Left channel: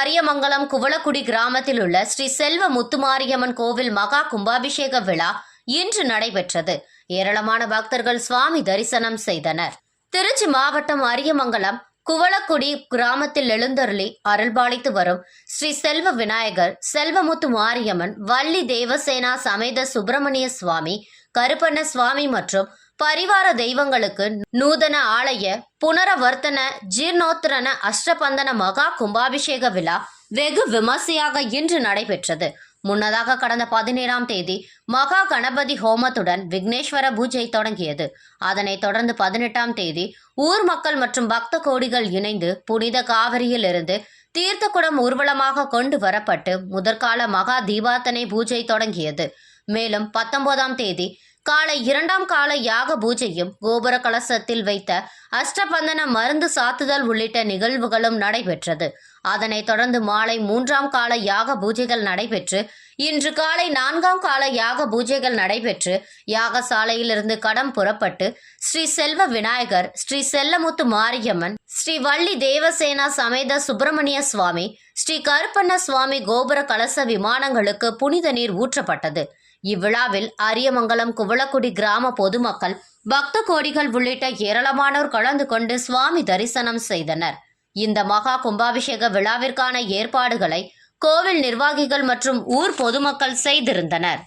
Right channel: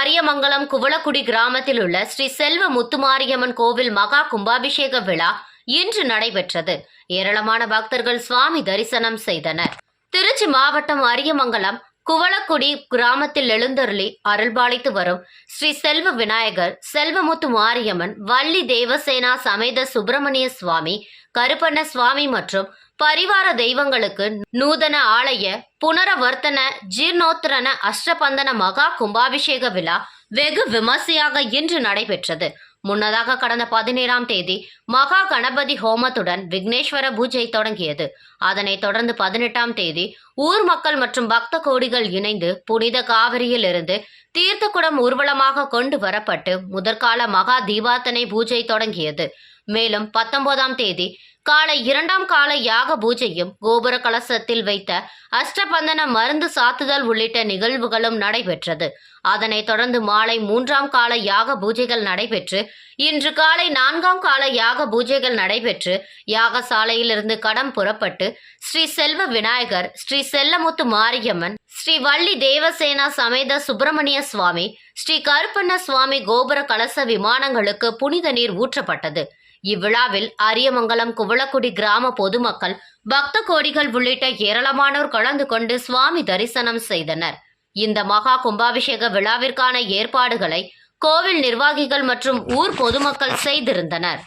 அரியமங்கலம் குவளக்குடி கிராமத்தில் உள்ள ஸ்ரீ செல்வ முத்துமாரியம்மன் கோவில் மகா கும்பாபிஷேக விழா இன்று நடைபெற்றது. ஏராளமான பக்தர்கள் சுவாமி தரிசனம் செய்தனர். திருச்சி மாவட்டம் அரியமங்கலம் குவளக்குடி கிராமத்தில் எழுந்தருளி அருள்பாலித்து வரும் ஸ்ரீ செல்வ விநாயகர் செல்வமுத்து மாரியம்மன் வள்ளி தேவசேனா சமேத சுப்பிரமணிய சுவாமி கருப்பண்ண சுவாமி மற்றும் பரிவார தெய்வங்களுக்கு நூதன ஆலய புனரவர்த்தன ஜீர்ணோத்தரண அஷ்டபந்தன மகா கும்பாபிஷேக விழா வெகு விமர்சையாக இன்று நடைபெற்றது. முன்னதாக கடந்த பதினேழாம் தேதி மகா கணபதி ஹோமத்துடன் விக்னேஸ்வர பூஜை தொடங்கியது. அதனைத் தொடர்ந்து பதினெட்டாம் தேதி ஊர் மக்கள் மற்றும் பக்த கோடிகள் இணைந்து புனித காவிரியில் இருந்து தீர்த்தக்குடம் ஊர்வலமாக கொண்டு வரப்பட்டு முதற்கால மகா தீபாத்தனை பூஜை தொடங்கியது. மேலும் பத்தொன்பதாம் தேதி காலை இரண்டாம் கால யாக பூஜையும் கோபுர கலசத்தில் வைத்த அஷ்டபந்தன மருந்து சாத்துதல் உள்ளிட்ட நிகழ்வுகளும் நடைபெற்றது. அதனைத் தொடர்ந்து மாலை மூன்றாம் கால யாக பூஜைகள் நடைபெற்று இன்று காலை நான்காம் கால யாக பூஜைகள் நடைபெற்று யாகசாலையிலிருந்து கடம் புறப்பட்டு ஸ்ரீ செல்வ விநாயகர் ஸ்ரீ செல்லமுத்து மாரியம்மன் ஸ்ரீ வள்ளி தேவசேனா சமேத சுப்பிரமணிய சுவாமி ஸ்ரீ கருப்பண்ண சுவாமி கோபுர கலச விமானங்களுக்கு புனித நீர் ஊற்றப்பட்டது. இவ்விழாவில் அரியமங்கலம் குவளக்குடி கிராம பொதுமக்கள் பக்த கோடிகள் உள்ளிட்ட ஏராளமானோர் கலந்து கொண்டு சுவாமி தரிசனம் செய்தனர். இந்த மகா கும்பாபிஷேக விழாவிற்கான ஏற்பாடுகளை கோவில் நிர்வாகிகள் மற்றும் ஊர் பொதுமக்கள் செய்திருந்தனர்.